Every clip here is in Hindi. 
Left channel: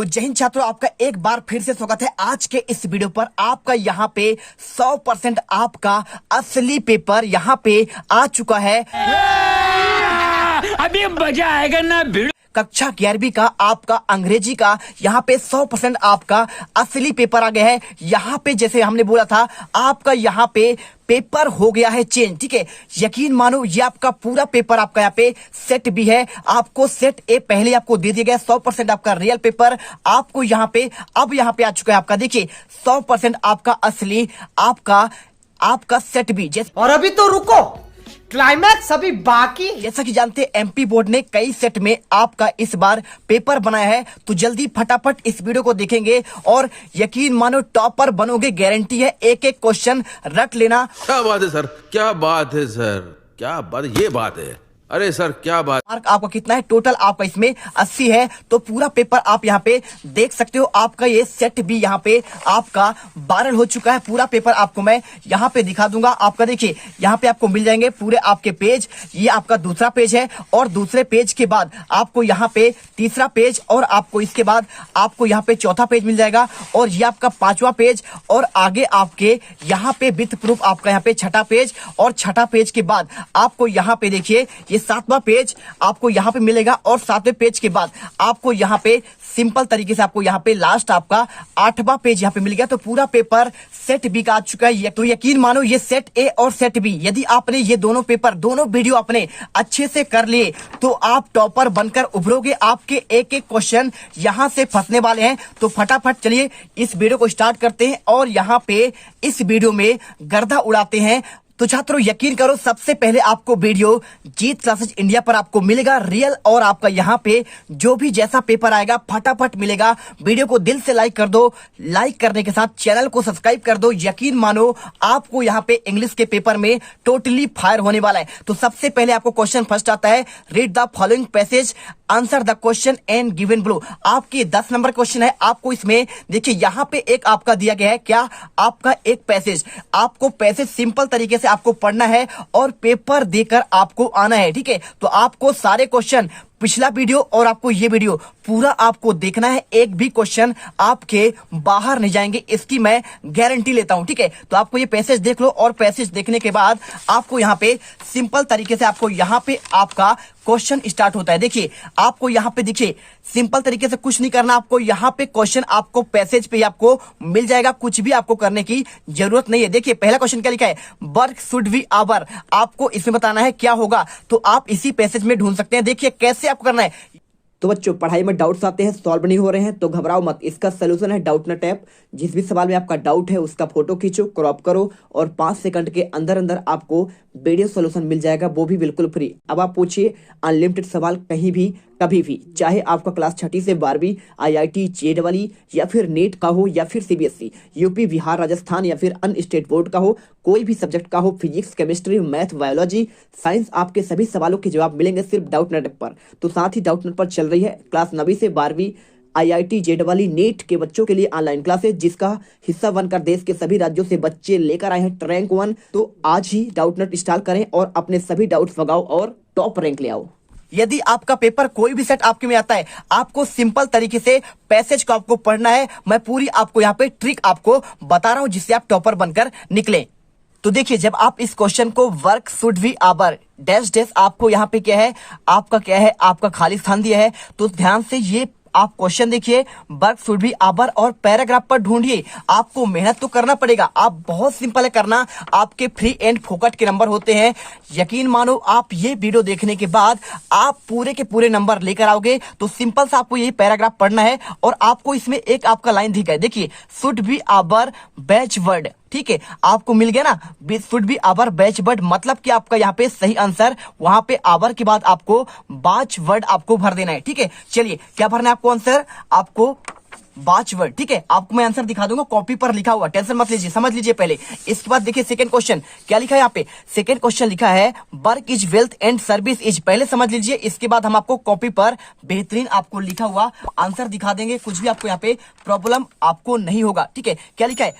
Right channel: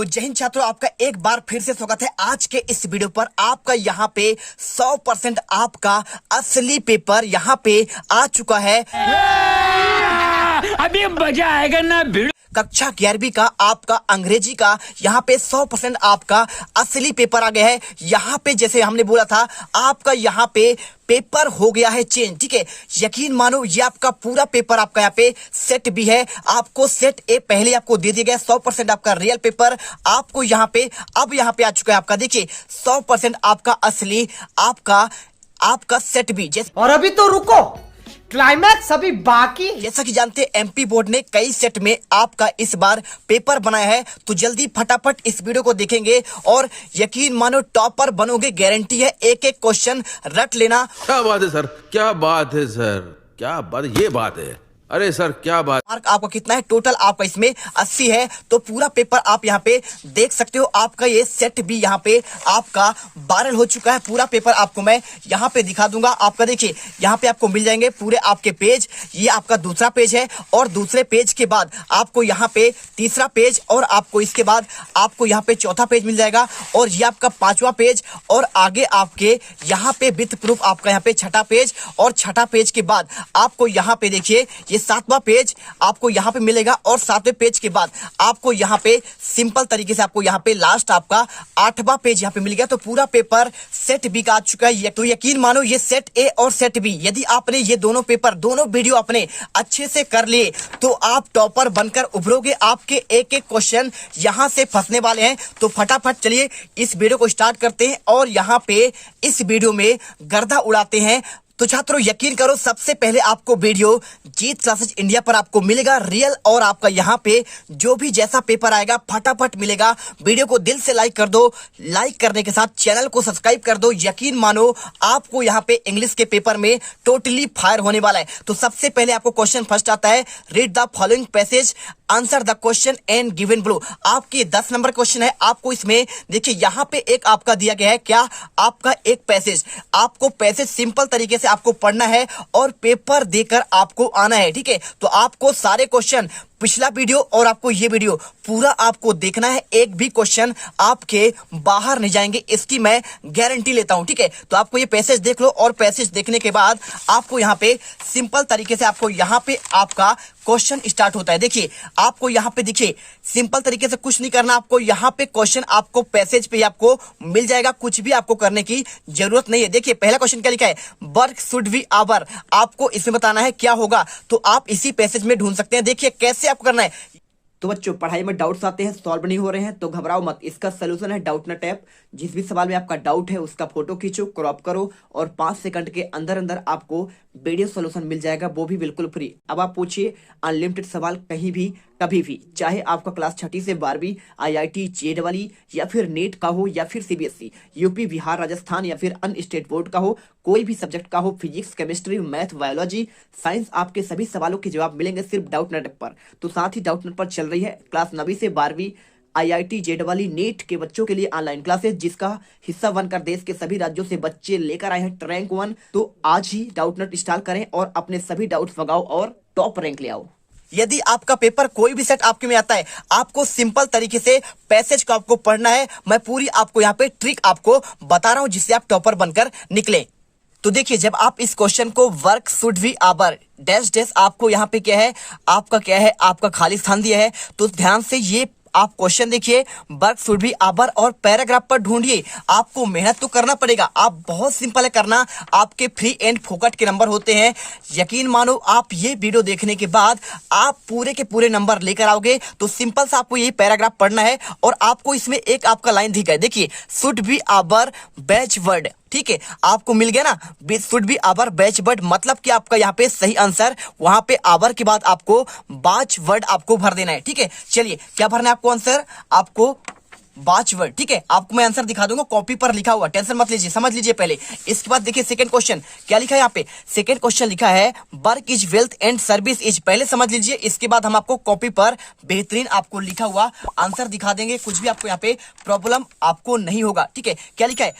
तो जय हिंद छात्रों, आपका एक बार फिर से स्वागत है आज के इस वीडियो पर। आपका यहाँ पे 100% आपका असली पेपर यहाँ पे आ चुका है। अभी मजा आएगा ना भिड़। कक्षा 11वीं का आपका अंग्रेजी का यहाँ पे 100% आपका असली पेपर आ गया है। यहाँ पे जैसे हमने बोला था आपका यहाँ पे पेपर हो गया है चेंज, ठीक है। यकीन मानो ये आपका पूरा पेपर आपका यहाँ पे सेट भी है। आपको सेट ए पहले आपको दे दिया गया 100% आपका रियल पेपर आपको यहाँ पे अब यहाँ पे आ चुका है आपका। देखिए 100% आपका असली आपका सेट भी। और अभी तो रुको, क्लाइमैक्स अभी बाकी। जैसा कि जानते हैं एमपी बोर्ड ने कई सेट में आपका इस बार पेपर बनाया है, तो जल्दी फटाफट इस वीडियो को देखेंगे और यकीन मानो टॉपर बनोगे, गारंटी है। एक एक क्वेश्चन रट लेना। क्या बात है सर, क्या बात है सर, क्या बात, ये बात है। अरे सर क्या बात। मार्क आपका कितना है टोटल? आपका इसमें 80 है। तो पूरा पेपर आप यहाँ पे देख सकते हो। आपका ये सेट भी यहाँ पे आपका वायरल हो चुका है। पूरा पेपर आपको मैं यहाँ पे दिखा दूंगा। आपका देखिए यहाँ पे आपको मिल जाएंगे पूरे आपके पेज। ये आपका दूसरा पेज है और दूसरे पेज के बाद आपको यहाँ पे तीसरा पेज और आपको इसके बाद आपको यहाँ पे चौथा पेज मिल जाएगा और ये आपका पांचवा पेज और आगे आपके यहाँ पे विथ प्रूफ आपका यहाँ पे छठा पेज और छठा पेज के बाद आपको यहाँ पे देखिए ये सातवां पेज आपको यहाँ पे मिलेगा और सातवें पेज के बाद आपको यहाँ पे सिंपल तरीके से आपको यहाँ पे लास्ट आपका आठवां पेज यहाँ पे मिल गया। तो पूरा पेपर सेट बी का आ चुका है। तो यकीन मानो ये सेट ए और सेट बी यदि आपने ये दोनों पेपर दोनों वीडियो अपने अच्छे से कर लिए तो आप टॉपर बनकर उभरोगे। आपके एक एक क्वेश्चन यहाँ से फंसने वाले हैं। तो फटाफट चलिए इस वीडियो को स्टार्ट करते हैं और यहाँ पे इस वीडियो में गर्दा उड़ाते हैं। तो छात्रों यकीन करो सबसे पहले आपको वीडियो जीत क्लासेस इंडिया पर आपको मिलेगा रियल और आपका यहाँ पे जो भी जैसा पेपर आएगा फटाफट मिलेगा। वीडियो को दिल से लाइक कर दो, लाइक करने के साथ चैनल को सब्सक्राइब कर दो। यकीन मानो आपको यहाँ पे इंग्लिश के पेपर में टोटली फायर होने वाला है। तो सबसे पहले आपको क्वेश्चन फर्स्ट आता है, read the following passage, answer the question and given below. आपके 10 नंबर क्वेश्चन है। आपको इसमें देखिए यहाँ पे एक आपका दिया गया है क्या, आपका एक पैसेज। आपको पैसेज सिंपल तरीके से आपको पढ़ना है और पेपर देकर आपको आना है, ठीक है। तो आपको सारे क्वेश्चन पिछला वीडियो और आपको ये वीडियो पूरा आपको देखना है। एक भी क्वेश्चन आपके बाहर नहीं जाएंगे, इसकी मैं गारंटी लेता हूं, ठीक है। तो आपको ये पैसेज देख लो और पैसेज देखने के बाद आपको यहाँ पे सिंपल तरीके से आपको यहाँ पे आपका क्वेश्चन स्टार्ट होता है। देखिए आपको यहाँ पे देखिए सिंपल तरीके से कुछ नहीं करना। आपको यहाँ पे क्वेश्चन आपको पैसेज पे आपको मिल जाएगा, कुछ भी आपको करने की जरूरत नहीं है। देखिए पहला क्वेश्चन क्या लिखा है, वर्क शुड बी आवर। आपको इसमें बताना है क्या होगा, तो आप इसी पैसेज में ढूंढ सकते हैं। देखिए कैसे आपको करना है। तो बच्चों पढ़ाई में डाउट्स आते हैं, सॉल्व नहीं हो रहे हैं तो घबराओ मत। इसका सोल्यूशन है डाउटनेट ऐप। जिस भी सवाल में आपका डाउट है उसका फोटो खींचो, क्रॉप करो और 5 सेकंड के अंदर अंदर आपको वीडियो सोल्यूशन मिल जाएगा, वो भी बिल्कुल फ्री। अब आप पूछिए अनलिमिटेड सवाल कहीं भी कभी भी, चाहे आपका क्लास 6ठी से 12वीं IIT जेईई या फिर नेट का हो या फिर CBSE, यूपी, बिहार, राजस्थान या फिर अन्य स्टेट बोर्ड का हो, कोई भी सब्जेक्ट का हो, physics, chemistry, math, biology, science, आपके सभी सवालों के जवाब मिलेंगे सिर्फ डाउटनेट ऐप पर। तो साथ ही डाउटनेट पर चल रही है क्लास 9वीं से 12वीं IIT जेईई नेट के बच्चों के लिए ऑनलाइन क्लासेस, जिसका हिस्सा बनकर देश के सभी राज्यों से बच्चे लेकर आए हैं रैंक 1। तो आज ही डाउटनेट इंस्टॉल करें और अपने सभी डाउट्स भगाओ और टॉप रैंक ले आओ। यदि आपका पेपर कोई भी सेट आपके में आता है, आपको सिंपल तरीके से पैसेज को आपको पढ़ना है। मैं पूरी आपको यहाँ पे ट्रिक आपको बता रहा हूं जिससे आप टॉपर बनकर निकले। तो देखिए जब आप इस क्वेश्चन को work should be our dash dash, आपको यहाँ पे क्या है, आपका क्या है, आपका खाली स्थान दिया है। तो ध्यान से ये आप क्वेश्चन देखिए, वर्क शुड बी आवर और पैराग्राफ पर ढूंढिए। आपको मेहनत तो करना पड़ेगा, आप बहुत सिंपल है करना। आपके फ्री एंड फोकट के नंबर होते हैं। यकीन मानो आप ये वीडियो देखने के बाद आप पूरे के पूरे नंबर लेकर आओगे। तो सिंपल सा आपको ये पैराग्राफ पढ़ना है और आपको इसमें एक आपका लाइन दिखा है, देखिए should be our watchword, ठीक है। आपको मिल गया ना, should be our watchword, मतलब कि आपका यहाँ पे सही आंसर वहां पे आवर के बाद आपको बाच वर्ड आपको भर देना है, ठीक है। चलिए क्या भरना है आपको आंसर, आपको बाच वर्ड, ठीक है। आपको मैं आंसर दिखा दूंगा, कॉपी पर लिखा हुआ, टेंशन मत लीजिए, समझ लीजिए पहले। इसके बाद देखिए सेकंड क्वेश्चन क्या लिखा है यहाँ पे। सेकंड क्वेश्चन लिखा है work is wealth and service is, पहले समझ लीजिए। इसके बाद हम आपको कॉपी पर बेहतरीन आपको लिखा हुआ आंसर दिखा देंगे, कुछ भी आपको यहाँ पे प्रॉब्लम आपको नहीं होगा, ठीक है। क्या लिखा है,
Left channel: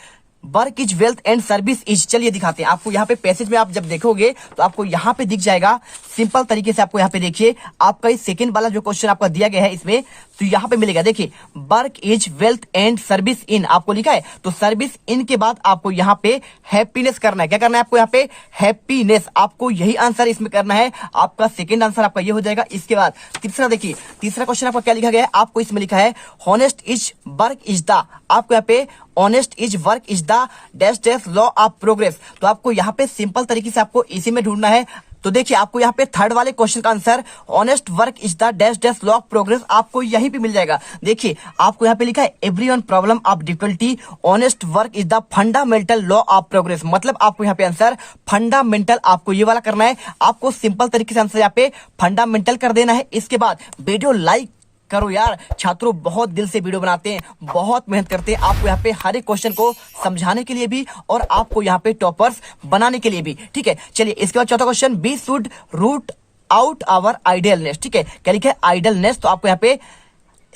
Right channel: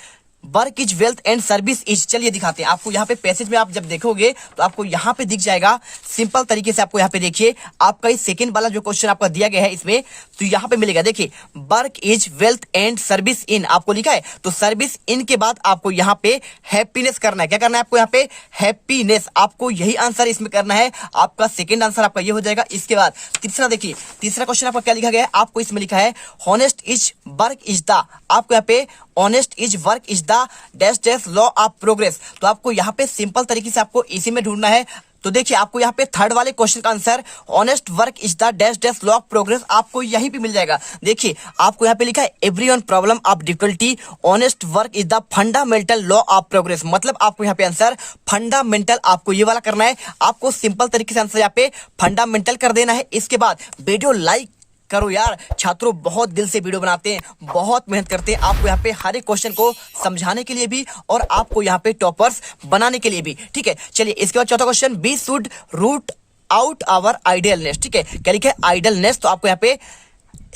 work is wealth and service is, चलिए दिखाते हैं आपको। यहाँ पे पैसेज में आप जब देखोगे तो आपको यहाँ पे दिख जाएगा सिंपल तरीके से। आपको यहाँ पे देखिए आपका इस सेकंड वाला जो क्वेश्चन आपका दिया गया है इसमें, तो यहाँ पे मिलेगा देखिए work is wealth and service in आपको लिखा है, तो सर्विस इन के बाद आपको यहाँ पे हैप्पीनेस करना है। क्या करना है आपको यहाँ पे? हैप्पीनेस। आपको यही आंसर इसमें करना है। आपका सेकंड आंसर आपका ये हो जाएगा। इसके बाद तीसरा देखिए, तीसरा क्वेश्चन आपका क्या लिखा गया है, आपको इसमें लिखा है honest is work is the, आपको यहाँ पे honest is work is the dash dash law of progress, तो आपको यहाँ पे सिंपल तरीके से आपको इसी में ढूंढना है। तो देखिए आपको यहाँ पे थर्ड वाले क्वेश्चन का answer honest work is the dash dash law of progress आपको यहीं पे मिल जाएगा। देखिए आपको यहाँ पे लिखा है everyone problem of difficulty honest work is the fundamental law of progress, मतलब आपको यहाँ पे आंसर फंडामेंटल आपको ये वाला करना है। आपको सिंपल तरीके से आंसर यहाँ पे फंडामेंटल कर देना है। इसके बाद वीडियो लाइक करो यार, छात्रों बहुत दिल से वीडियो बनाते हैं, बहुत मेहनत करते हैं आपको यहाँ पे हर एक क्वेश्चन को समझाने के लिए भी और आपको यहाँ पे टॉपर्स बनाने के लिए भी, ठीक है। चलिए इसके बाद चौथा question, we should root out our idleness, ठीक है। क्या लिखा है? आइडियलनेस, तो आपको यहाँ पे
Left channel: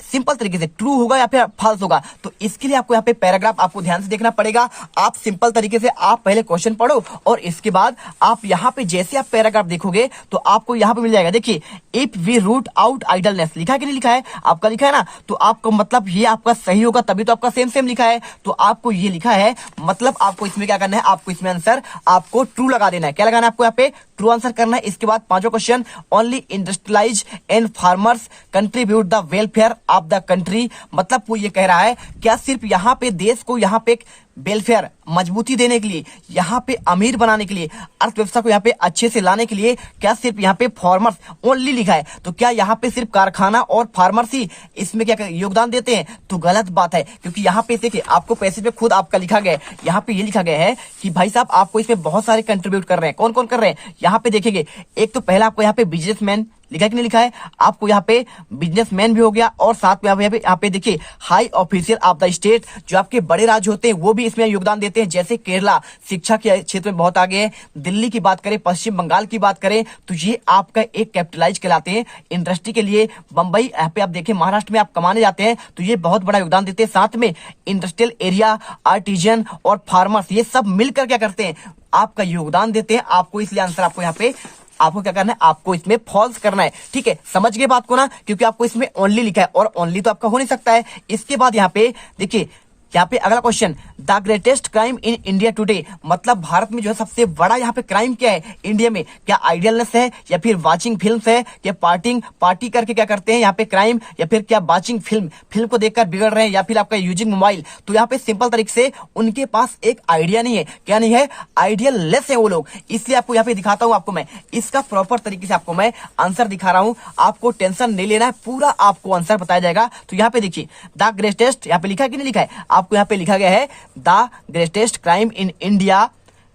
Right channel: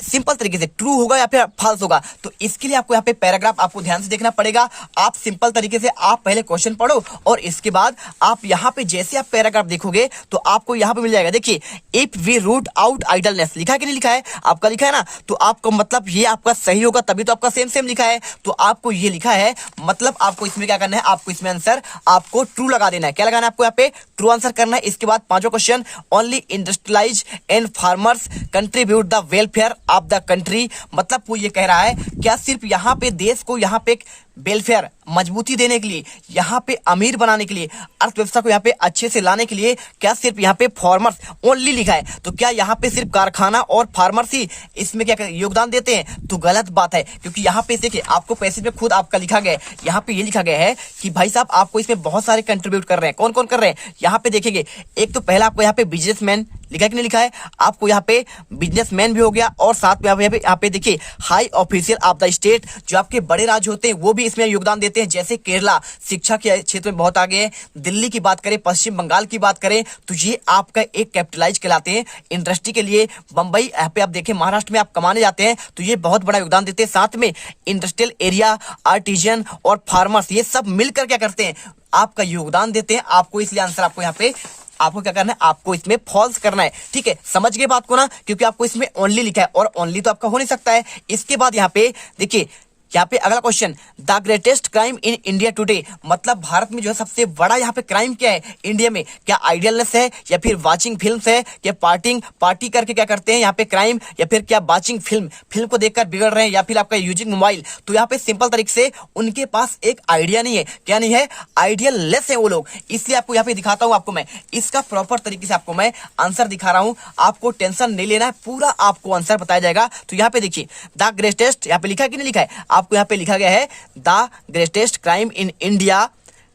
सिंपल तरीके से ट्रू होगा या फिर फॉल्स होगा, तो इसके लिए आपको यहाँ पे पैराग्राफ आपको ध्यान से देखना पड़ेगा। आप सिंपल तरीके से आप पहले क्वेश्चन पढ़ो और इसके बाद आप यहाँ पे जैसे आप पैराग्राफ देखोगे तो आपको यहाँ पे मिल जाएगा। देखिए if we root out idleness, लिखा है कि नहीं लिखा है? आपका लिखा है ना, तो आपको मतलब ये आपका सही होगा, तभी तो आपका सेम सेम लिखा है। तो आपको ये लिखा है, मतलब आपको इसमें क्या करना है, आपको इसमें आंसर आपको ट्रू लगा देना है। क्या लगाना है आपको यहाँ पे? ट्रू आंसर करना है। इसके बाद पांचवा question, only industrialise and farmers contribute the welfare of the country, मतलब वो ये कह रहा है क्या सिर्फ यहाँ पे देश को यहाँ पे वेलफेयर मजबूती देने के लिए, यहाँ पे अमीर बनाने के लिए, अर्थव्यवस्था को यहाँ पे अच्छे से लाने के लिए क्या सिर्फ यहाँ पे फार्मर्स ओनली लिखा है? तो क्या यहाँ पे सिर्फ कारखाना और फार्मर्स ही इसमें क्या योगदान देते हैं? तो गलत बात है, क्योंकि यहाँ पे देखिए आपको पैसेज में खुद आपका लिखा गया है, यहाँ पे ये लिखा गया है कि भाई साहब आपको इसमें बहुत सारे कंट्रीब्यूट कर रहे हैं। कौन कौन कर रहे हैं? यहाँ पे देखेंगे, एक तो पहला आपको यहाँ पे बिजनेसमैन लिखा है कि नहीं लिखा है? आपको यहाँ पे बिजनेसमैन भी हो गया और साथ में यहाँ पे देखिए high official of the state, जो आपके बड़े राज्य होते हैं वो भी इसमें योगदान देते हैं। जैसे केरला शिक्षा के क्षेत्र में बहुत आगे है, दिल्ली की बात करें, पश्चिम बंगाल की बात करें, तो ये आपका एक कैपिटलाइज कहलाते हैं इंडस्ट्री के लिए। बंबई यहाँ पे आप देखें, महाराष्ट्र में आप कमाने जाते हैं तो ये बहुत बड़ा योगदान देते हैं। साथ में इंडस्ट्रियल एरिया, आर्टिजन और फार्मर्स, ये सब मिलकर क्या करते हैं? आपका योगदान देते हैं आपको। इसलिए आंसर आपको यहाँ पे आपको क्या करना है? आपको इसमें फॉल्स करना है, ठीक है। समझ गए बात को ना, क्योंकि आपको इसमें ओनली लिखा है और ओनली तो आपका हो नहीं सकता है। इसके बाद यहाँ पे देखिए, यहाँ पे अगला question, the greatest crime in India today, मतलब भारत में जो है सबसे बड़ा यहाँ पे क्राइम क्या है इंडिया में? क्या आइडियलनेस है या फिर वाचिंग फिल्म है? क्या पार्टी करके क्या करते हैं यहाँ पे क्राइम, या फिर क्या वाचिंग फिल्म को देखकर बिगड़ रहे हैं, या फिर आपका यूजिंग मोबाइल? तो यहाँ पे सिंपल तरीके से उनके पास एक आइडिया नहीं है। क्या नहीं है? आइडियललेस है वो लोग। इसलिए आपको यहाँ पे दिखाता हूँ, आपको मैं इसका प्रॉपर तरीके से आपको मैं आंसर दिखा रहा हूँ। आपको टेंशन नहीं लेना है, पूरा आपको आंसर बताया जाएगा। तो यहाँ पे देखिए द ग्रेटेस्ट, यहाँ पे लिखा है कि नहीं लिखा है? आपको यहाँ पे लिखा गया है the greatest crime in India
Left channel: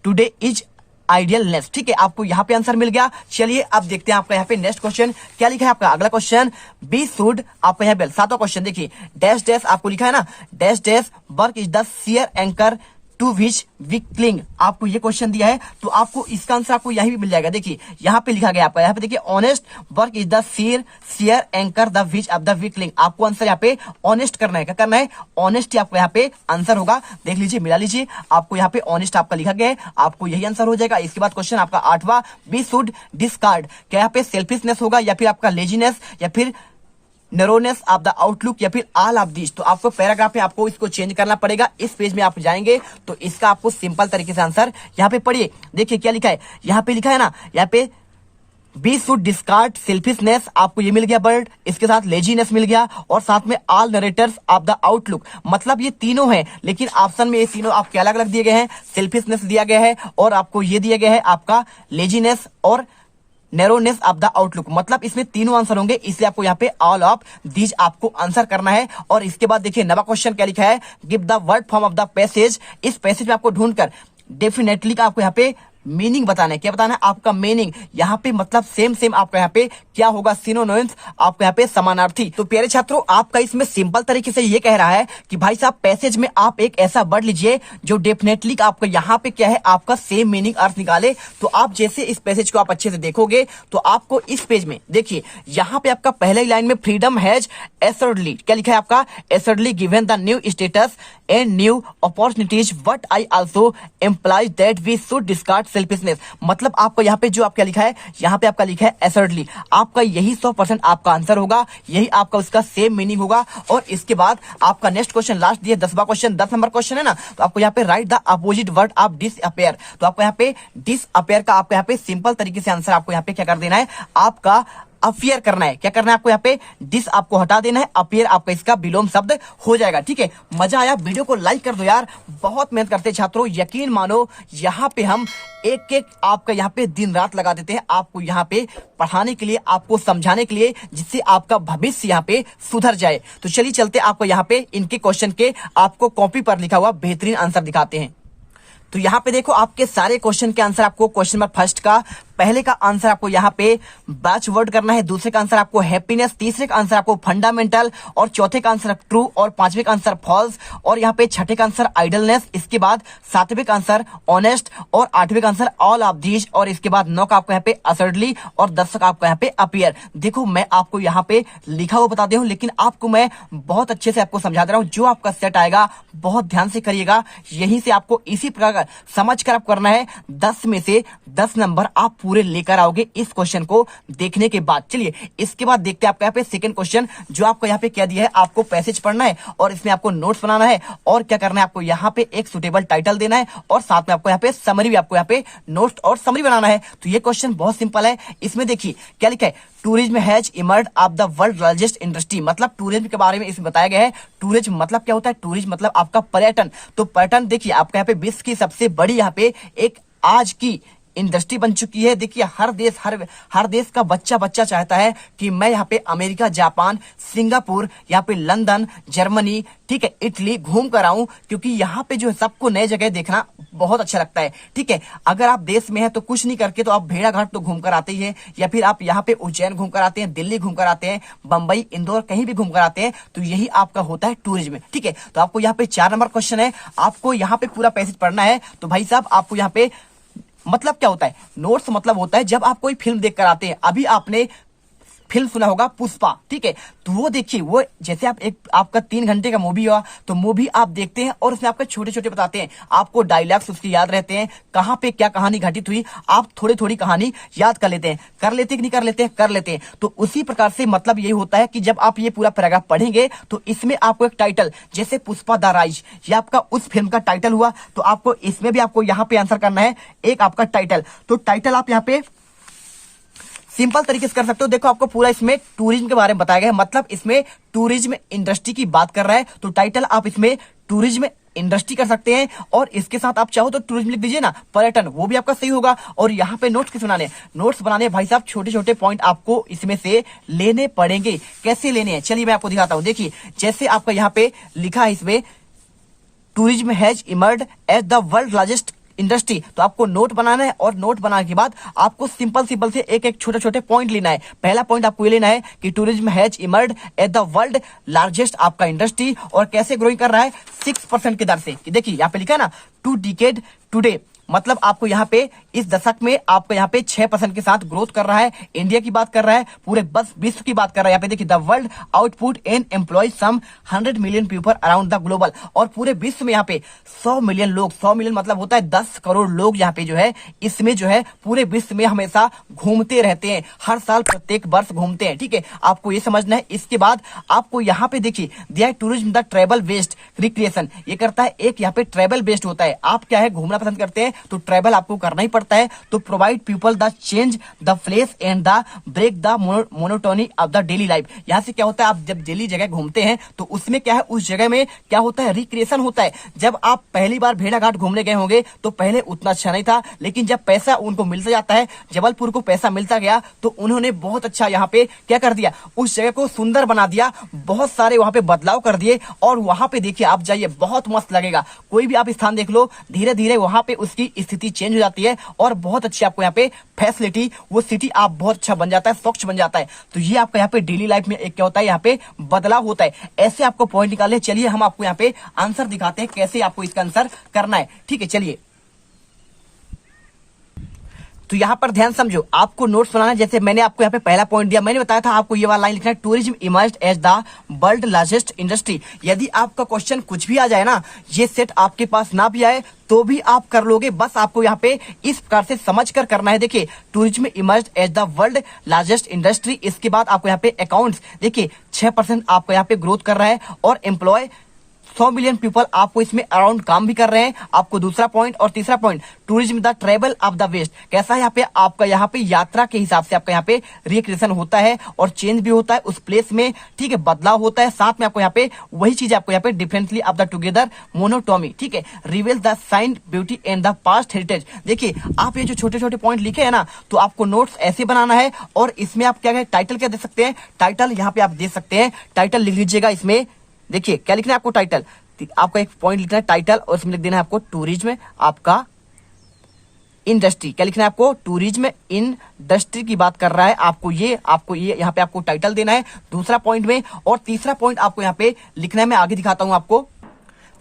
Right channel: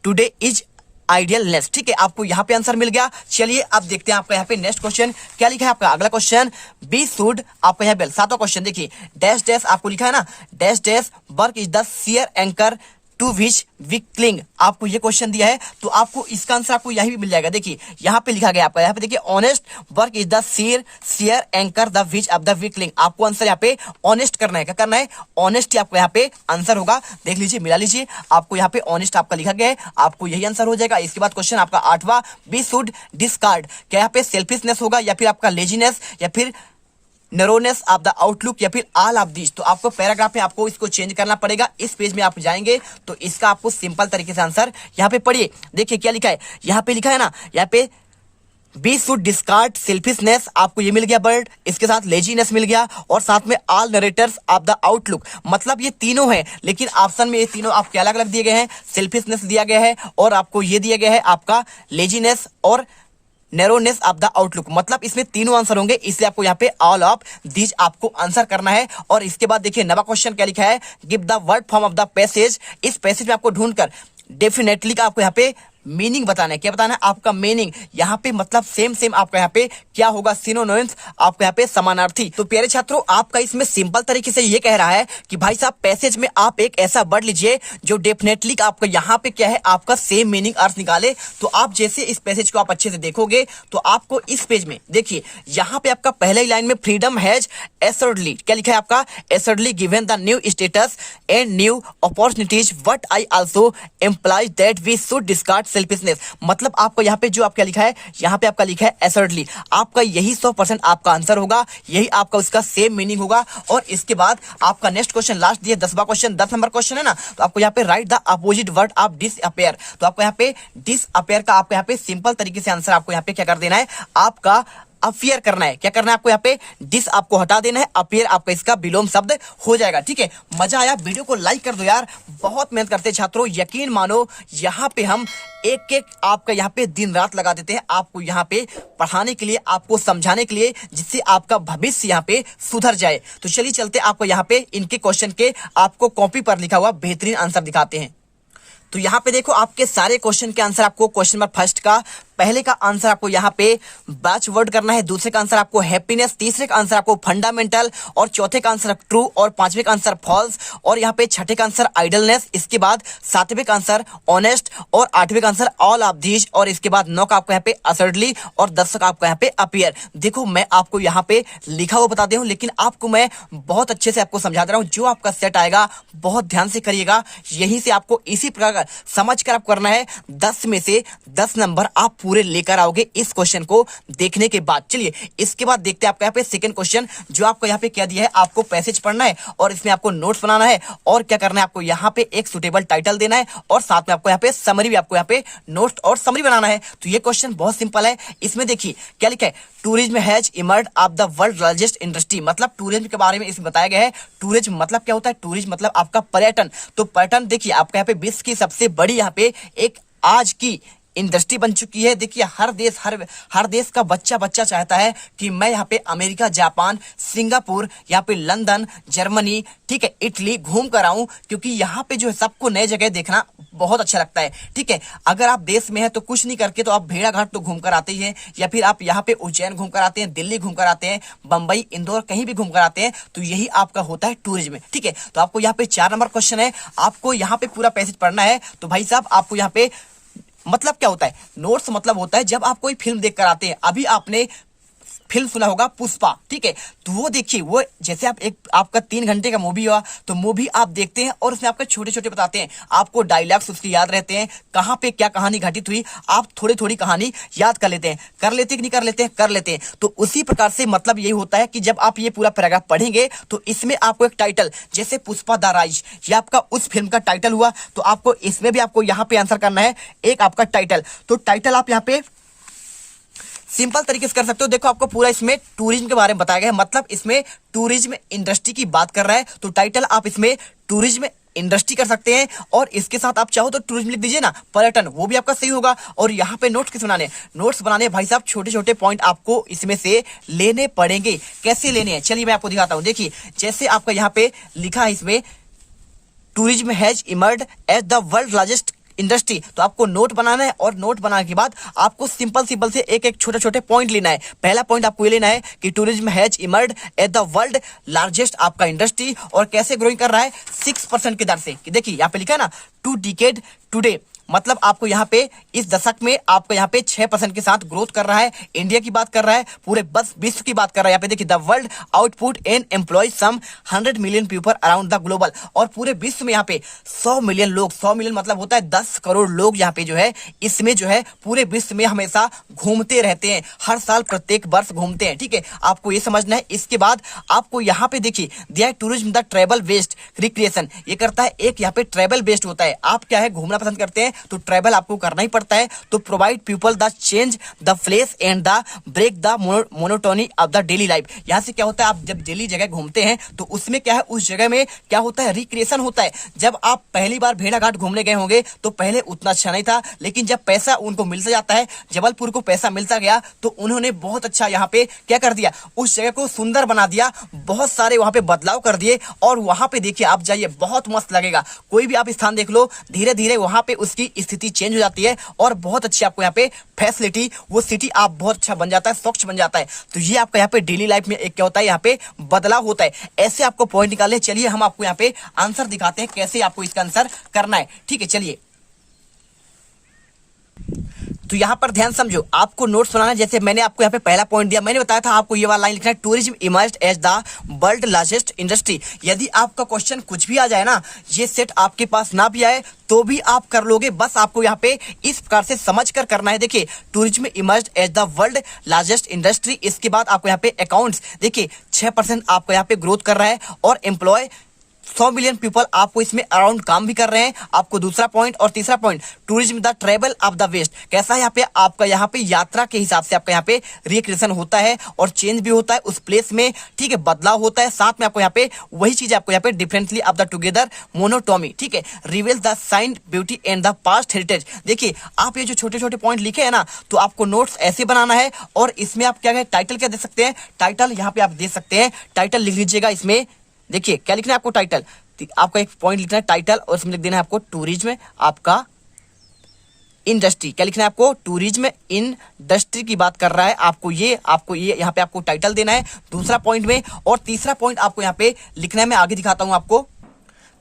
today is idleness, ठीक है। आपको यहाँ पे आंसर मिल गया। चलिए अब देखते हैं आपका यहाँ पे नेक्स्ट क्वेश्चन क्या लिखा है। आपका अगला क्वेश्चन, बी शुड, आपका यहाँ पे सातवां क्वेश्चन देखिए, डैश डैश आपको लिखा है ना, dash dash work is the sheet anchor to which we cling, आपको ये क्वेश्चन दिया है तो आपको इसका आंसर आपको यही भी मिल जाएगा। देखिए यहाँ पे लिखा गया आपका, यहाँ पे देखिए honest work is the sheet anchor the which of the we cling, आपको आंसर यहाँ पे ऑनेस्ट करना है। क्या करना है? ऑनेस्ट आपको यहाँ पे आंसर होगा। देख लीजिए, मिला लीजिए, आपको यहाँ पे ऑनेस्ट आपका लिखा गया है, आपको यही आंसर हो जाएगा। इसके बाद क्वेश्चन आपका आठवां, बी शुड डिस्कार्ड, क्या यहाँ पे सेल्फिशनेस होगा या फिर आपका लेजीनेस या फिर नैरोनेस ऑफ द आउटलुक या फिर ऑल ऑफ दिस? तो आपको पैराग्राफ में आपको इसको चेंज करना पड़ेगा। इस पेज में आप जाएंगे तो इसका आपको सिंपल तरीके से आंसर यहाँ पे पढ़िए। देखिए क्या लिखा है, यहाँ पे लिखा है ना, यहाँ पे बी शुड डिस्कार्ड सेल्फिशनेस, आपको ये मिल गया वर्ड, इसके साथ लेजीनेस मिल गया और साथ में all narrator's of the outlook, मतलब ये तीनों हैं, लेकिन ऑप्शन में ये तीनों आपके अलग अलग दिए गए हैं। सेल्फिशनेस दिया गया है और आपको ये दिया गया है आपका लेजीनेस और नैरोनेस ऑफ द आउटलुक, मतलब इसमें तीनों आंसर होंगे। इसलिए आपको यहाँ पे ऑल ऑफ दीज आपको आंसर करना है। और इसके बाद देखिए नवा क्वेश्चन क्या लिखा है, give the word form of the passage, इस पैसेज में आपको ढूंढकर डेफिनेटली का आपको यहाँ पे मीनिंग बताना है। क्या बताना है? आपका मीनिंग। यहाँ पे मतलब सेम आपका यहाँ पे क्या होगा? सिनोनिम्स, आपका यहाँ पे समानार्थी। तो प्यारे छात्रों, आपका इसमें सिंपल तरीके से ये कह रहा है कि भाई साहब पैसेज में आप एक ऐसा वर्ड लीजिए जो डेफिनेटली आपका यहाँ पे क्या है, आपका सेम मीनिंग अर्थ निकाले। तो आप जैसे इस पैसेज को आप अच्छे से देखोगे तो आपको इस पेज में देखिए, यहाँ पे आपका पहले ही लाइन में फ्रीडम हैज एसर्डली, क्या लिखा है आपका? Assuredly given the new status and new opportunities but I also employ that we should discard selfishness. मतलब आपको यहाँ पे जो आपका लिखा है, यहाँ पे आपका लिखा है एसर्डली, आपका यही 100% आपका आंसर होगा, यही आपका उसका सेम मीनिंग होगा। और इसके बाद आपका नेक्स्ट क्वेश्चन लास्ट दिया 10वां क्वेश्चन, 10 नंबर क्वेश्चन है ना, तो आपको यहाँ पे right the opposite word of disappear. तो आपको यहाँ पे डिसअपेयर का आपको यहाँ पे सिंपल तरीके से आंसर आपको यहाँ पे क्या कर देना है, आपका अपियर करना है। क्या करना है आपको? यहाँ पे डिस आपको हटा देना है, अपियर आपका इसका विलोम शब्द हो जाएगा। ठीक है, मजा आया? वीडियो को लाइक कर दो यार, बहुत मेहनत करते हैं छात्रों, यकीन मानो। यहाँ पे हम एक आपका यहाँ पे दिन रात लगा देते हैं आपको यहाँ पे पढ़ाने के लिए, आपको समझाने के लिए, जिससे आपका भविष्य यहाँ पे सुधर जाए। तो चलिए चलते आपको यहाँ पे इनके क्वेश्चन के आपको कॉपी पर लिखा हुआ बेहतरीन आंसर दिखाते हैं। तो यहाँ पे देखो, आपके सारे क्वेश्चन के आंसर आपको क्वेश्चन नंबर फर्स्ट का पहले का आंसर आपको यहाँ पे बैच वर्ड करना है, दूसरे का आंसर आपको हैप्पीनेस, तीसरे का आंसर आपको फंडामेंटल, और चौथे का आंसर ट्रू, और पांचवें का आंसर फॉल्स, और यहाँ पे छठे का आंसर आइडलनेस, इसके बाद सातवें का आंसर ऑनेस्ट, और आठवें का आंसर ऑल ऑफ दीज, और इसके बाद 9 का आपको यहाँ पे असर्डली, और 10 का आपको यहाँ पे अपियर। देखो मैं आपको यहाँ पे लिखा हुआ बता दे हूँ, लेकिन आपको मैं बहुत अच्छे से आपको समझा दे रहा हूँ। जो आपका सेट आएगा बहुत ध्यान से करिएगा, यहीं से आपको इसी प्रकार समझ कर आप करना है। 10 में से 10 नंबर आप पूरे लेकर आओगे इस क्वेश्चन को देखने के बाद। चलिए इसके बाद देखते हैं आपका यहाँ पे सेकंड क्वेश्चन, जो आपको यहाँ पे क्या दिया है, आपको पैसेज पढ़ना है और इसमें आपको नोट्स बनाना है, और क्या करना है आपको यहाँ पे एक सुटेबल टाइटल देना है, और साथ में आपको यहाँ पे समरी भी आपको यहाँ पे नोट्स और समरी बनाना है। तो ये क्वेश्चन बहुत सिंपल है। इसमें देखिए क्या लिखा है, tourism has emerge of the world largest industry. मतलब टूरिज्म के बारे में इसमें बताया गया है। टूरिज्म मतलब क्या होता है? टूरिज्म मतलब आपका पर्यटन। तो पर्यटन देखिए आपका यहाँ पे विश्व की सबसे बड़ी यहाँ पे एक आज की इंडस्ट्री बन चुकी है। देखिए हर देश का बच्चा चाहता है कि मैं यहाँ पे अमेरिका, जापान, सिंगापुर, यहाँ पे लंदन, जर्मनी, ठीक है, इटली घूम कर आऊं, क्योंकि यहाँ पे जो है सबको नए जगह देखना बहुत अच्छा लगता है। ठीक है, अगर आप देश में हैं तो कुछ नहीं करके तो आप भेड़ाघाट तो घूम कर आते ही हैं, या फिर आप यहाँ पे उज्जैन घूम कर आते हैं, दिल्ली घूम कर आते हैं, बंबई, इंदौर कहीं भी घूम कर आते हैं। तो यही आपका होता है टूरिज्म। ठीक है, तो आपको यहाँ पे 4 नंबर क्वेश्चन है, आपको यहाँ पे पूरा पैसेज पढ़ना है। तो भाई साहब आपको यहाँ पे मतलब क्या होता है? नोट्स मतलब होता है जब आप कोई फिल्म देख कर आते हैं। अभी आपने फिल्म सुना होगा पुष्पा, ठीक है, तो वो देखिए, वो जैसे आप आपका 3 घंटे का मूवी हुआ, तो मूवी आप देखते हैं और उसमें आपके छोटे छोटे बताते हैं, आपको डायलॉग्स उसकी याद रहते हैं, कहाँ पे क्या कहानी घटित हुई, आप थोड़ी कहानी याद कर लेते हैं कि नहीं कर लेते हैं? कर लेते हैं। तो उसी प्रकार से मतलब यही होता है कि जब आप ये पूरा पैराग्राफ पढ़ेंगे तो इसमें आपको एक टाइटल, जैसे पुष्पा द राइज, ये आपका उस फिल्म का टाइटल हुआ, तो आपको इसमें भी आपको यहाँ पे आंसर करना है एक आपका टाइटल। तो टाइटल आप यहाँ पे सिंपल तरीके से कर सकते हो। देखो आपको पूरा इसमें टूरिज्म के बारे में बताया गया है, मतलब इसमें टूरिज्म इंडस्ट्री की बात कर रहा है, तो टाइटल आप इसमें टूरिज्म इंडस्ट्री कर सकते हैं, और इसके साथ आप चाहो तो टूरिज्म लिख दीजिए ना, पर्यटन, वो भी आपका सही होगा। और यहाँ पे नोट्स किस बनाने? नोट्स बनाने भाई साहब छोटे छोटे पॉइंट आपको इसमें से लेने पड़ेंगे। कैसे लेने हैं चलिए मैं आपको दिखाता हूँ। देखिए जैसे आपका यहाँ पे लिखा है इसमें tourism has emerged as the world largest industry, तो आपको नोट बनाना है, और नोट बनाने के बाद आपको सिंपल से एक छोटे छोटे पॉइंट लेना है। पहला पॉइंट आपको ये लेना है कि tourism has emerged at the world largest आपका इंडस्ट्री, और कैसे ग्रोइंग कर रहा है? 6% की दर से। देखिए यहाँ पे लिखा है ना, 2 डिकेड टुडे, मतलब आपको यहाँ पे इस दशक में आपको यहाँ पे 6% के साथ ग्रोथ कर रहा है। इंडिया की बात कर रहा है, पूरे बस विश्व की बात कर रहा है। यहाँ पे देखिए the world output and employ some 100 million people around the global, और पूरे विश्व में यहाँ पे 100 मिलियन लोग, 100 मिलियन मतलब होता है 10 करोड़ लोग यहाँ पे जो है इसमें जो है पूरे विश्व में हमेशा घूमते रहते हैं, हर साल प्रत्येक वर्ष घूमते हैं। ठीक है, आपको ये समझना है। इसके बाद आपको यहाँ पे देखिए दिया tourism the travel based recreation, ये करता है एक यहाँ पे ट्रेवल बेस्ड होता है। आप क्या है घूमना पसंद करते हैं तो ट्रैवल आपको करना ही पड़ता है। तो provide people the change the place and the break the monotony of the daily life. यहाँ से क्या होता है, आप जब डेली जगह घूमते हैं तो उसमें क्या है, उस जगह में क्या होता है, रिक्रिएशन होता है। जब आप पहली बार भेड़ाघाट घूमने गए होंगे तो पहले उतना अच्छा नहीं था, लेकिन जब पैसा उनको मिलता जाता है, जबलपुर को पैसा मिलता गया, तो उन्होंने बहुत अच्छा यहाँ पे क्या कर दिया, उस जगह को सुंदर बना दिया, बहुत सारे वहां पे बदलाव कर दिए। और वहां पे देखिए आप जाइए, बहुत मस्त लगेगा। कोई भी आप स्थान देख लो, धीरे धीरे वहां पे उसकी आपकी स्थिति चेंज हो जाती है और बहुत अच्छी आपको यहाँ पे फैसिलिटी, वो सिटी आप बहुत अच्छा बन जाता है, स्वच्छ बन जाता है। तो ये आपका यहाँ पे डेली लाइफ में एक क्या होता है, यहाँ पे बदलाव होता है। ऐसे आपको पॉइंट निकालने, चलिए हम आपको यहाँ पे आंसर दिखाते हैं कैसे आपको इसका आंसर करना है। ठीक है, चलिए तो यहाँ पर ध्यान समझो, आपको नोट्स बनाना है। जैसे मैंने आपको यहाँ पे पहला पॉइंट दिया, मैंने बताया था आपको ये वाला लाइन लिखना है, tourism emerged as the world largest industry. यदि आपका क्वेश्चन कुछ भी आ जाए ना, ये सेट आपके पास ना भी आए तो भी आप कर लोगे। बस आपको यहाँ पे इस प्रकार से समझ कर करना है। देखिए, tourism emerged as the world largest industry. इसके बाद आपको यहाँ पे अकाउंट्स, देखिए 6% आपको यहाँ पे ग्रोथ कर रहा है और एम्प्लॉय 100 मिलियन पीपल आपको इसमें अराउंड काम भी कर रहे हैं। आपको दूसरा पॉइंट और तीसरा point, tourism the travel of the west. कैसा है यहाँ पे आपका, यहाँ पे यात्रा के हिसाब से आपका यहाँ पे रिक्रिएशन होता है और चेंज भी होता है उस प्लेस में। ठीक है, बदलाव होता है, साथ में आपको यहाँ पे वही चीज आपको यहाँ पे डिफरेंटली ऑफ द टुगेदर मोनोटोमी। ठीक है, reveal the science beauty and the past heritage. देखिए, आप ये जो छोटे छोटे पॉइंट लिखे है ना, तो आपको नोट्स ऐसे बनाना है और इसमें आप क्या टाइटल क्या दे सकते हैं, टाइटल यहाँ पे आप दे सकते हैं, टाइटल लिख लीजिएगा। इसमें देखिए क्या लिखना है आपको, टाइटल, आपका एक पॉइंट लिखना है टाइटल और इसमें लिख देना है आपको टूरिज्म आपका इंडस्ट्री। क्या लिखना है आपको, टूरिज्म इंडस्ट्री की बात कर रहा है। आपको ये यहाँ पे आपको टाइटल देना है दूसरा पॉइंट में। और तीसरा पॉइंट आपको यहाँ पे लिखना है, मैं आगे दिखाता हूं आपको।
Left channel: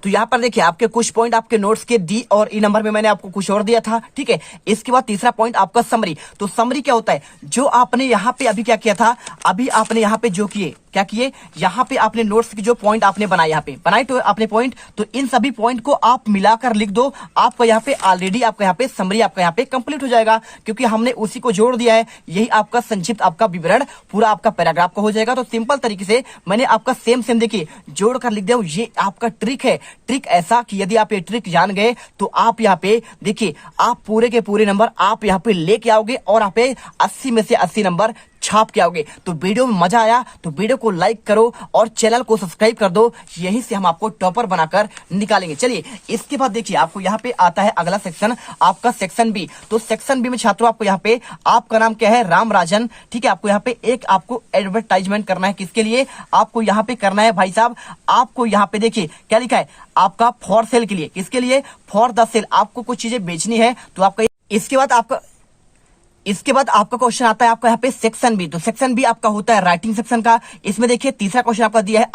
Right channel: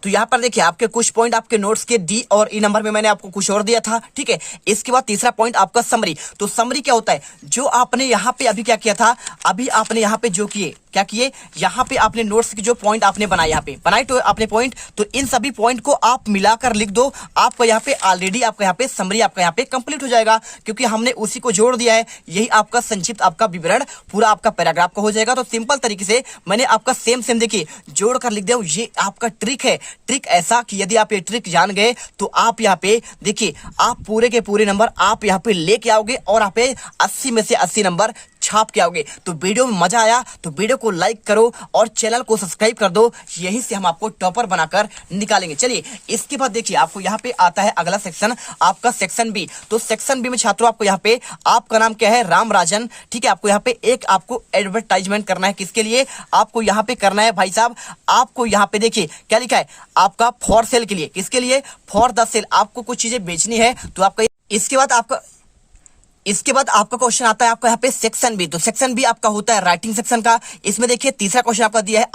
तो यहाँ पर देखिए आपके कुछ पॉइंट आपके नोट्स के डी और ई नंबर में मैंने आपको कुछ और दिया था। ठीक है, इसके बाद तीसरा पॉइंट आपका समरी। तो समरी क्या होता है, जो आपने यहाँ पे अभी क्या किया था, अभी आपने यहाँ पे जो किए, क्या किए, यहाँ पे आपने नोट्स के जो पॉइंट आपने बनाए, यहाँ पे बनाए तो आपने पॉइंट, तो इन सभी पॉइंट को आप मिलाकर लिख दो। आपका यहाँ पे ऑलरेडी आपका यहाँ पे समरी आपका यहाँ पे कंप्लीट हो जाएगा, क्योंकि हमने उसी को जोड़ दिया है। यही आपका संक्षिप्त आपका विवरण पूरा आपका पैराग्राफ का हो जाएगा। तो सिंपल तरीके से मैंने आपका सेम देखिए जोड़ कर लिख दिया। ये आपका ट्रिक है, ट्रिक ऐसा कि यदि आप ये ट्रिक जान गए तो आप यहाँ पे देखिए, आप पूरे के पूरे नंबर आप यहाँ पे लेके आओगे और आप 80 में से 80 नंबर छाप के आओगे। तो वीडियो में मजा आया तो वीडियो को लाइक करो और चैनल को सब्सक्राइब कर दो, यही से हम आपको टॉपर बनाकर निकालेंगे। चलिए, इसके बाद देखिए आपको यहाँ पे आता है अगला सेक्शन, आपका सेक्शन बी। तो सेक्शन बी में छात्रों आपको यहाँ पे, आपका नाम क्या है, राम राजन। ठीक है, आपको यहाँ पे एक आपको एडवर्टाइजमेंट करना है। किसके लिए आपको यहाँ पे करना है भाई साहब, आपको यहाँ पे देखिए क्या लिखा है आपका, फॉर सेल के लिए। किसके लिए, फॉर द सेल। आपको कुछ चीजें बेचनी है तो आपका, इसके बाद आपका क्वेश्चन आता है आपका यहाँ पे सेक्शन बी। तो सेक्शन बी आपका होता है राइटिंग सेक्शन का। इसमें देखिए तीसरा क्वेश्चन आपका दिया है,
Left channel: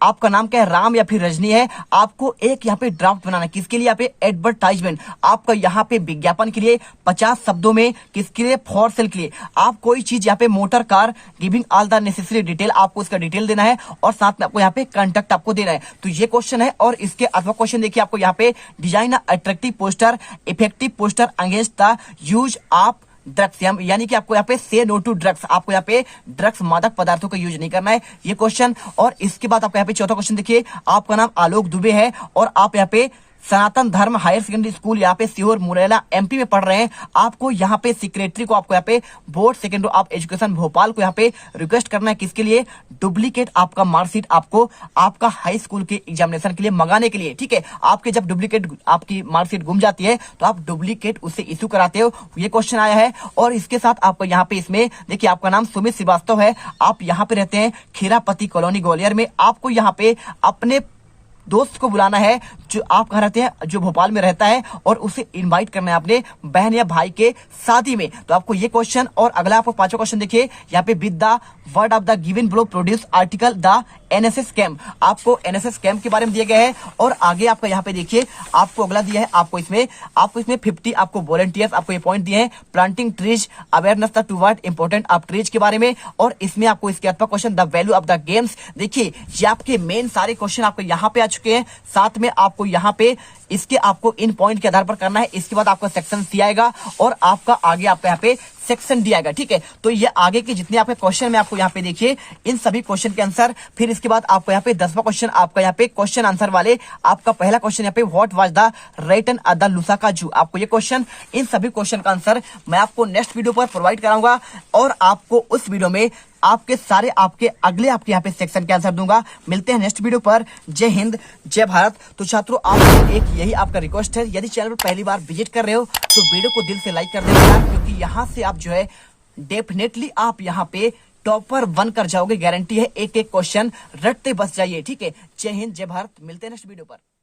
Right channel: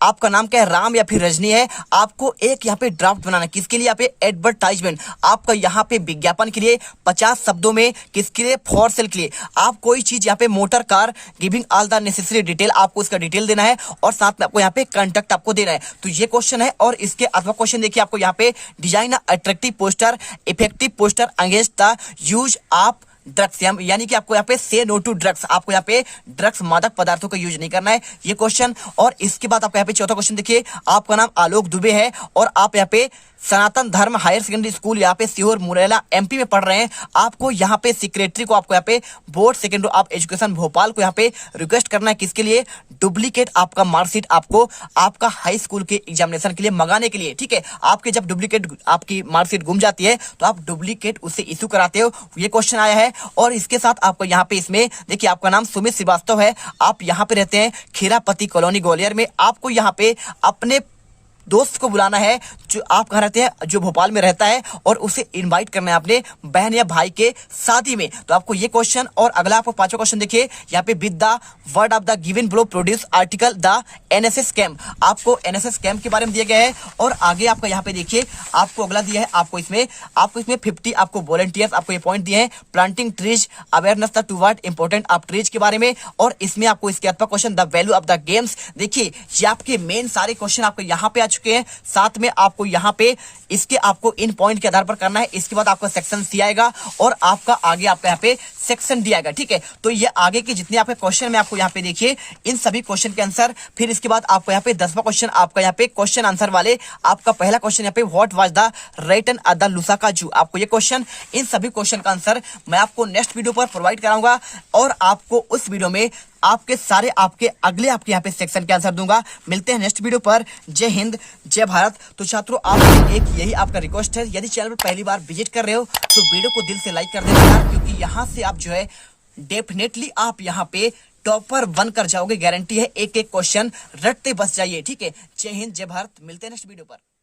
आपका नाम क्या है, राम या फिर रजनी है। आपको एक यहाँ पे ड्राफ्ट बनाना, किसके लिए, यहाँ पे एडवर्टाइजमेंट, आपका यहाँ पे विज्ञापन के लिए 50 शब्दों में, किसके लिए, फॉर सेल के लिए। आप कोई चीज यहाँ पे motor car, giving all the necessary detail, आपको उसका डिटेल देना है और साथ में आपको यहाँ पे कॉन्टेक्ट आपको देना है। तो ये क्वेश्चन है। और इसके अथवा क्वेश्चन देखिए आपको यहाँ पे, design attractive poster, effective poster against the use of drugs, यानी कि आपको यहाँ पे से नो टू ड्रग्स, आपको यहाँ पे ड्रग्स मादक पदार्थों का यूज नहीं करना है, ये क्वेश्चन। और इसके बाद आपको यहाँ पे चौथा क्वेश्चन देखिए, आपका नाम आलोक दुबे है और आप यहाँ पे सनातन धर्म हायर सेकेंडरी स्कूल यहाँ पे सीहोर मुरैना एमपी में पढ़ रहे हैं। आपको यहाँ पे सेक्रेटरी को, आपको यहाँ पे board secondary of education Bhopal को यहाँ पे रिक्वेस्ट करना है, किसके लिए, डुप्लीकेट आपका मार्कशीट आपको आपका हाई स्कूल के एग्जामिनेशन के लिए मंगाने के लिए। ठीक है, आपके जब डुप्लीकेट आपकी मार्कशीट गुम जाती है तो आप डुप्लीकेट उससे इशू कराते हो, ये क्वेश्चन आया है। और इसके साथ आपको यहाँ पे इसमें देखिए, आपका नाम सुमित श्रीवास्तव है, आप यहाँ पे रहते हैं खीरापति कॉलोनी ग्वालियर में। आपको यहाँ पे अपने दोस्त को बुलाना है जो आप कहाँ रहते हैं, जो भोपाल में रहता है, और उसे इनवाइट करना है अपने बहन या भाई के शादी में। तो आपको ये क्वेश्चन। और अगला आपको पांचवा क्वेश्चन देखिए यहाँ पे, with the word of the given below produce article the NSS camp. आपको एनएसएस कैंप के बारे में दिया गया है। और आगे आपका यहाँ पे देखिए आपको अगला दिया है, आपको इसमें 50 आपको वॉलंटियर्स आपको ये पॉइंट दिए हैं, planting trees, awareness the toward important of trees के बारे में। और इसमें आपको इसके अथवा question, the value of the games. देखिए ये आपके मेन सारे क्वेश्चन आपको यहाँ पे आ चुके हैं। साथ में आपको यहाँ पे इसके आपको इन पॉइंट के आधार पर करना है। इसके बाद आपका सेक्शन सी आएगा और आपका आगे आपका यहाँ पे सेक्शन डी आएगा। ठीक है, तो ये आगे के जितने आपके क्वेश्चन में आपको यहाँ पे देखिए इन सभी क्वेश्चन के आंसर। फिर इसके बाद आपको यहाँ पे 10वां क्वेश्चन आपका यहाँ पे क्वेश्चन आंसर वाले, आपका पहला क्वेश्चन यहाँ पे, what was the written at the Lusaka zoo. आपको ये क्वेश्चन, इन सभी क्वेश्चन का आंसर मैं आपको नेक्स्ट वीडियो पर प्रोवाइड कराऊंगा और आपको उस वीडियो में आपके सारे आपके अगले आपके यहाँ पे सेक्शन के आंसर दूंगा। मिलते हैं नेक्स्ट वीडियो पर। जय हिंद, जय भारत। तो छात्रों, आप एक यही आपका रिक्वेस्ट है, यदि चैनल पर पहली बार विजिट कर रहे हो तो वीडियो को दिल से लाइक कर देना यार, क्योंकि यहाँ से आप जो है डेफिनेटली आप यहाँ पे टॉपर बनकर जाओगे, गारंटी है। एक एक क्वेश्चन रटते बस जाइए। ठीक है, जय हिंद, जय भारत। मिलते हैं नेक्स्ट वीडियो पर।